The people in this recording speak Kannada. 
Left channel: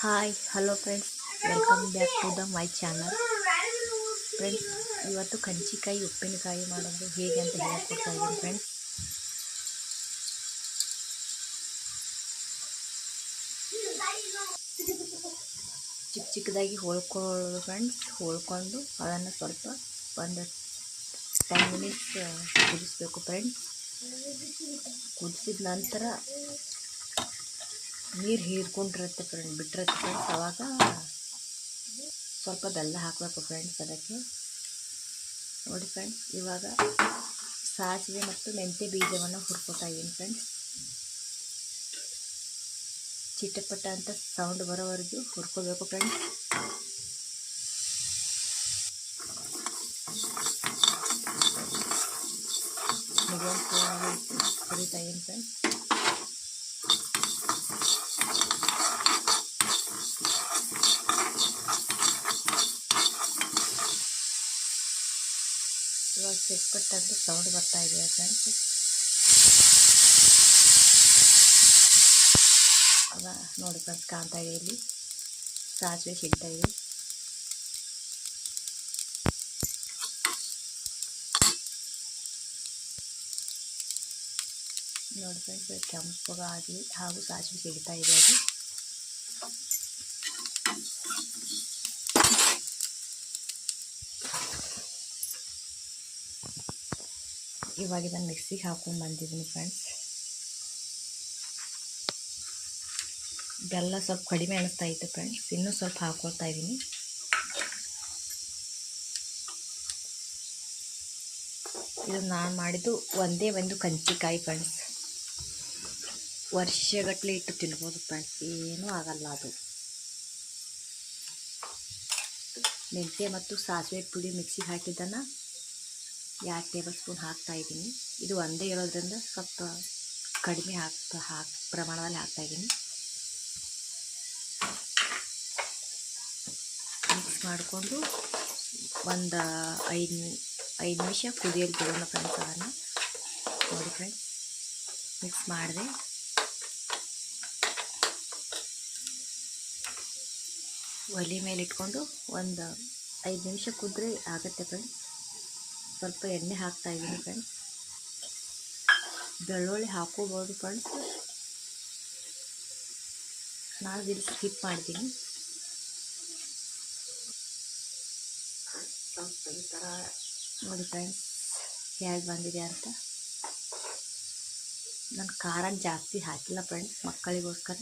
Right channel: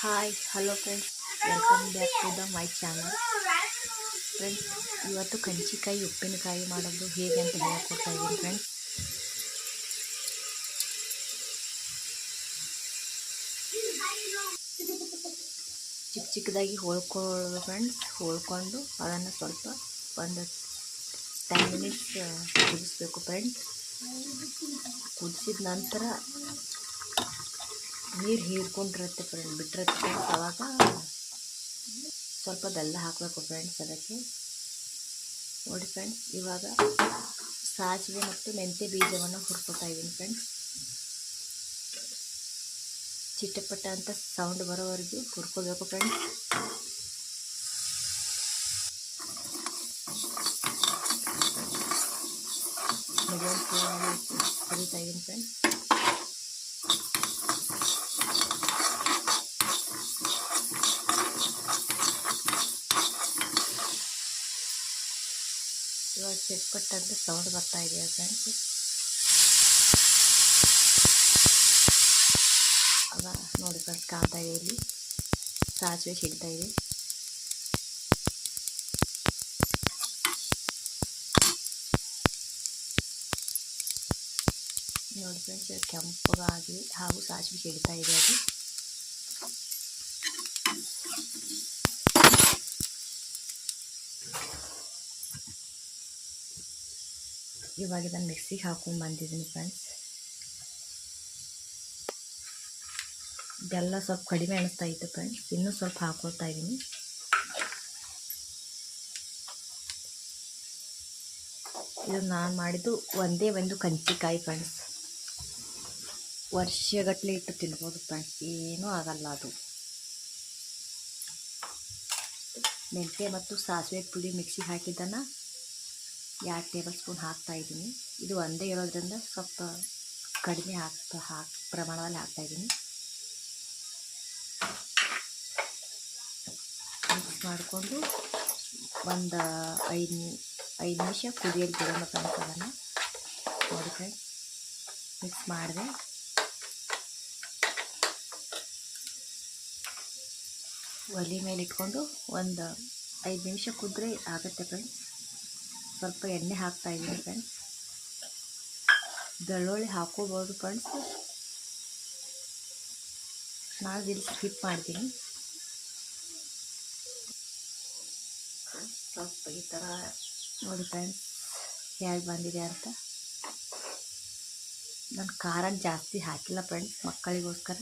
Hi hello friends, welcome back to the my channel. Friends, ಇವತ್ತು ಕಂಚಿಕಾಯಿ ಉಪ್ಪಿನಕಾಯಿ ಮಾಡೋದು ಹೇಗೆ ಅಂತ ಹೇಳ್ಕೊಡ್ತಾ ಇದ್ದೀನಿ ಫ್ರೆಂಡ್ಸ್. ಚಿಕ್ಕದಾಗಿ ಹೋಳ್ಕೊಳ್ಳೋದು ಫ್ರೆಂಡ್ಸ್. ಹೋಳ್ಕೊಂಡು ಅದನ್ನು ಸ್ವಲ್ಪ ಒಂದು 10 ಮಿನಿಟ್ಸ್ ಕುದಿಸ್ಬೇಕು ಫ್ರೆಂಡ್ಸ್. ಕುದಿಸಿದ ನಂತರ ನೀರು ಹೀರ್ಕೊಂಡಿರುತ್ತೆ ಫ್ರೆಂಡ್, ಬಿಟ್ಟಿರುತ್ತೆ ಫ್ರೆಂಡ್ಸ್. ಆವಾಗ ಸ್ವಲ್ಪ ಬೆಲ್ಲ ಹಾಕಬೇಕು ಫ್ರೆಂಡ್ಸ್. ಅದಕ್ಕೆ ನೋಡಿ ಫ್ರೆಂಡ್ಸ್, ಇವಾಗ ಸಾಸಿವೆ ಮತ್ತು ಮೆಂತ್ಯ ಬೀಜವನ್ನು ಹುರ್ಕೊತಾ ಇದ್ದೀನಿ ಫ್ರೆಂಡ್ಸ್. ಚಿಟಪಟ ಅಂತ ಸೌಂಡ್ ಬರೋವರೆಗೂ ಹುರ್ಕೋಬೇಕು ಫ್ರೆಂಡ್ಸ್. ಮೀಡಿಯಂ ಫ್ಲೇಮಲ್ಲಿ ಹುರಿತಾ ಇದ್ದೀನಿ ಫ್ರೆಂಡ್ಸ್. ಇವಾಗ ಚಿಟ್ಪಟ್ಟ ಅಂತ ಸೌಂಡ್ ಬರ್ತಾ ಇದೆ ಫ್ರೆಂಡ್ಸ್. ಆಗ ನೋಡಿ ಫ್ರೆಂಡ್ಸ್, ಕಾಣ್ತಾ ಇದೆ, ಇಲ್ಲಿ ಸಾಸಿವೆ ಸಿಗ್ತಾ ಇದೆ. ನೋಡಿ ಫ್ರೆಂಡ್ಸ್, ಕೆಂಪಗಾಗಿ ಹಾಗೂ ಸಾಸಿವೆ ಸಿಗ್ತಾ ಇದೆ. ಅದು ಇವಾಗ ಇದನ್ನು ಮಿಕ್ಸಿಗೆ ಹಾಕೊಂಡು ಬಂದಿದ್ದೀನಿ ಫ್ರೆಂಡ್ಸ್. ಬೆಲ್ಲ ಸ್ವಲ್ಪ ಕಡಿಮೆ ಅನಿಸ್ತಾ ಇತ್ತು ಫ್ರೆಂಡ್ಸ್, ಇನ್ನೂ ಸ್ವಲ್ಪ ಹಾಕ್ಕೊಳ್ತಾ ಇದ್ದೀನಿ. ಇದು ನಾನು ಮಾಡಿದ್ದು ಒಂದೇ ಒಂದು ಕಂಚಿಕಾಯಿ ಫ್ರೆಂಡ್ಸ್. ವರ್ಷಗಟ್ಟಲೆ ಇಟ್ಟು ತಿನ್ಬೋದು ಫ್ರೆಂಡ್ಸ್, ಏನೂ ಆಗಲ್ಲ. ಅದು ಮೆಂತ್ಯ ಮತ್ತು ಸಾಸಿವೆ ಪುಡಿ ಮಿಕ್ಸಿಗೆ ಹಾಕಿದ್ದನ್ನು 2 ಟೇಬಲ್ ಸ್ಪೂನ್ ಹಾಕ್ತಾ ಇದ್ದೀನಿ. ಇದು ಒಂದೇ ಇರೋದ್ರಿಂದ ಸ್ವಲ್ಪ ಕಡಿಮೆ ಪ್ರಮಾಣದಲ್ಲಿ ಹಾಕ್ತಾಯಿದ್ದೀನಿ. ಮಿಕ್ಸ್ ಮಾಡಿಕೊಂಡು ಒಂದು 5 ನಿಮಿಷ ಕುದಿಯಲು ಬಿಡೋಣ ಫ್ರೆಂಡ್ಸ್. ಅದನ್ನು ನೋಡಿ ಫ್ರೆಂಡ್ಸ್, ಮಿಕ್ಸ್ ಮಾಡಿದೆ. ಒಲೆ ಮೇಲೆ ಇಟ್ಕೊಂಡು ಒಂದು 5 ನಿಮಿಷ ಕುದ್ರೆ ಆಗುತ್ತೆ ಫ್ರೆಂಡ್ಸ್. ಸ್ವಲ್ಪ ಎಣ್ಣೆ ಹಾಕ್ತಾ ಇದ್ದೀನಿ ಫ್ರೆಂಡ್ಸ್. ಬೆಳ್ಳುಳ್ಳಿ ಹಾಕೋಬೋದು ಫ್ರೆಂಡ್ಸ್, ನಾನು ಇಲ್ಲಿ ಸ್ಕಿಪ್ ಮಾಡ್ತೀನಿ. ಸ್ವಲ್ಪ ಈ ಥರ ನೋಡಿ ಫ್ರೆಂಡ್ಸ್ ಹೇಗೆ ಬಂದಿದೆ ಅಂತ. ನಾನು ಖಾರ ಜಾಸ್ತಿ ಹಾಕಿಲ್ಲ ಫ್ರೆಂಡ್ಸ್, ಮಕ್ಕಳಿಗೋಸ್ಕರ